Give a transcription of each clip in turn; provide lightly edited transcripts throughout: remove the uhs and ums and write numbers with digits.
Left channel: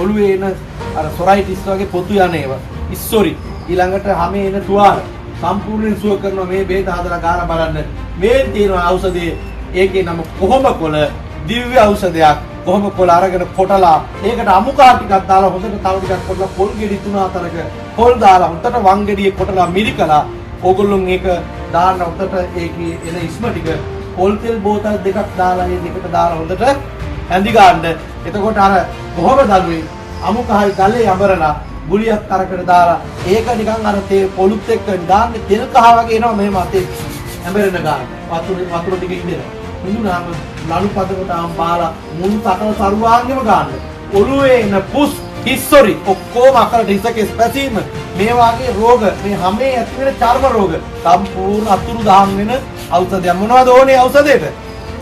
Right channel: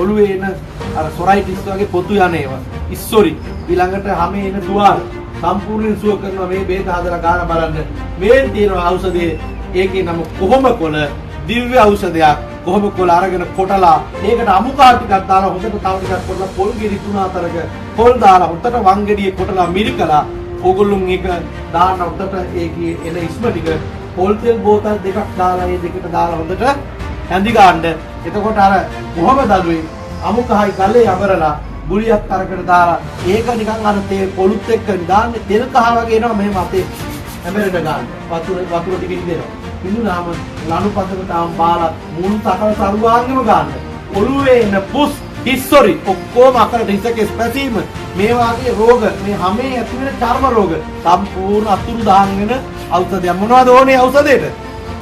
ඔළුවේ එන අර සොරයිටිස් වගේ පොතු යන්නේවා. ඉස්සොරි ඊළඟට හැමේ එන තුවාල සම්පූර්ණයෙන් සුව කරනවා මේ බේත හදලා ගාන බලන්න. මේ තියෙන ඖෂධයේ ඒකේ නම කොහොඹකොළ දිව්‍ය ඖෂධයක්. කොහොඹකොළ අරගෙන කොටලා ඒකට අමුකා ටිකක් දාලා හොඳට තව ටිකක් කොටලා පොල් ගෙඩි 3-4ක පොල් දාලා හොඳට වන් ගෙඩියේ කොටලා මිරිකලා ඕගොල්ලෝ මේක දාන්න හොඳට ඒකේ එන ඉස්ම ටික පොල් තෙල් බෝතල් දෙකක් දාලා ඒ දෙකට දාලා හොඳට හැඳි ගන්න. එතකොට අර කොහොම දළුවේ අමුකහයි ගලේ අඹරලා ගුලියක් අරකට දාලා ඒක නිකන් අර තේ පොළුත් එක්ක දාන්න තෙල් කහ වගේ එනවා මෙහෙම අතේ හැඹරෙන්න ගන්න. වතුර ටිකකින් දෙනවා. මිනුනාම ලණු පදකට ආම් බාලා මුල් තකල සරුවාංගෙම ගන්න. ඔළුවේ එන පුස් හිස්සොරි ඔක්කොම අකලට හිසකේ ස්පැසීම මේ වාගේ රෝග මේ හැමේ ඇති වෙන චර්ම රෝග සම්පූර්ණ අතුරු දහම් වෙන ඖෂධය මොනවද ඕනේ ඖෂධයට?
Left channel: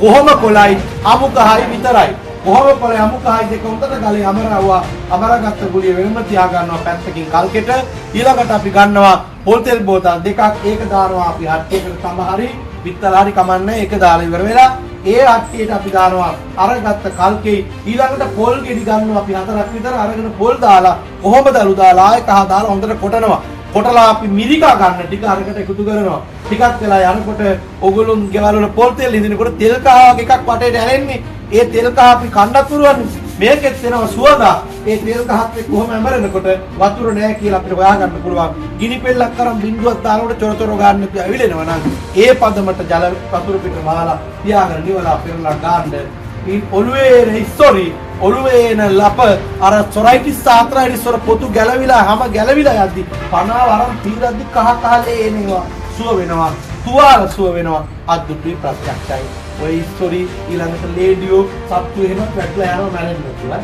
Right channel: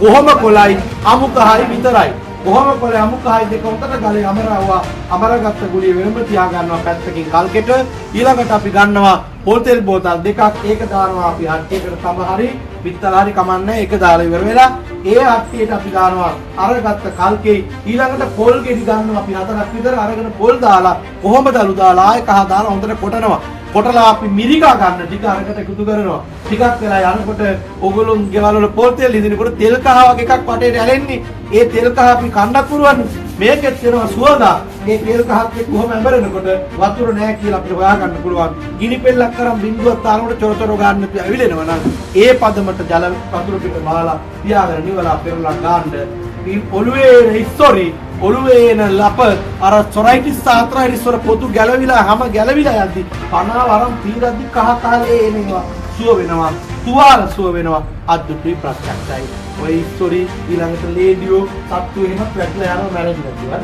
කොහොම කොළයි අමුකහයි විතරයි. කොහොම කොළයි අමුකහයි දෙක උන්ට ගලේ අමරවුවා අමරගත්ත ගුලිය වෙනම තියා ගන්නවා පැත්තකින් කල්කෙට. ඊළඟට අපි ගන්නවා පොල් තෙල් බෝතල් දෙකක් ඒක දානවා අපි හට්ටියකට සමහරි පිටලාරි කමන්නේ ඒක දාලා ඉවර වෙලා ඒ හට්ටියට අපි දානවා අරගත්ත කල්කේ ඊළඟට පොල් ගෙඩි ගන්නවා අපි 4ක් විතර අරගෙන පොල් දාලා කොහොමද අලු දාලා ආයෙ කහ දාලා හොඳට කොටනවා. කොටලා අපි මිරිකා ගන්න ටික අරකට එකතු කරනවා. ටිකක් වෙලා යනකොට ඕගොල්ලෝ ගෙවල් වල පොල් තෙල් ඉදිනකොට තෙල් කහ වගේ එකක් වටේට ඇලෙන්නේ. ඒ තෙල් කහ අපි කන්නත් පුරවන්න. මේකෙත් වෙනවා සුවඳ. ඒ තෙල් කහත් එක්ක කොහොම ඇඹරෙනකොට වතුර නැහැ කියලා අපිට හොයා ගන්න පුළුවන්. ගිනි පෙල්ලක් කරන් බින්දුවක් දානකොට චොර චොර ගන්න ඇවිලෙනවා නේද? ඒ පදමට ජල වතුර පිට මාලා තියාගෙන නිවලා පෙරලා ගන්න. මේ ඔළුවේ හිස්සොරි ඔළුවේ එන ලප අර සොරයිටිස් ආත්‍රයිටිස් වල පොතු ගැලවිලා හැම ගැලවිලා යද්දි කනාව අරන් පීරද්දි කහ කාලේ එනවා සුව වෙනවා තුවාල සුව වෙනවා අද්දුටි ප්‍රත්‍යක්ෂයි. ඔය හිස්සොරි ඊළඟට ලේඩියෝ සත්තු එහෙම පැටලා යනවා මැරෙන්න කියලා.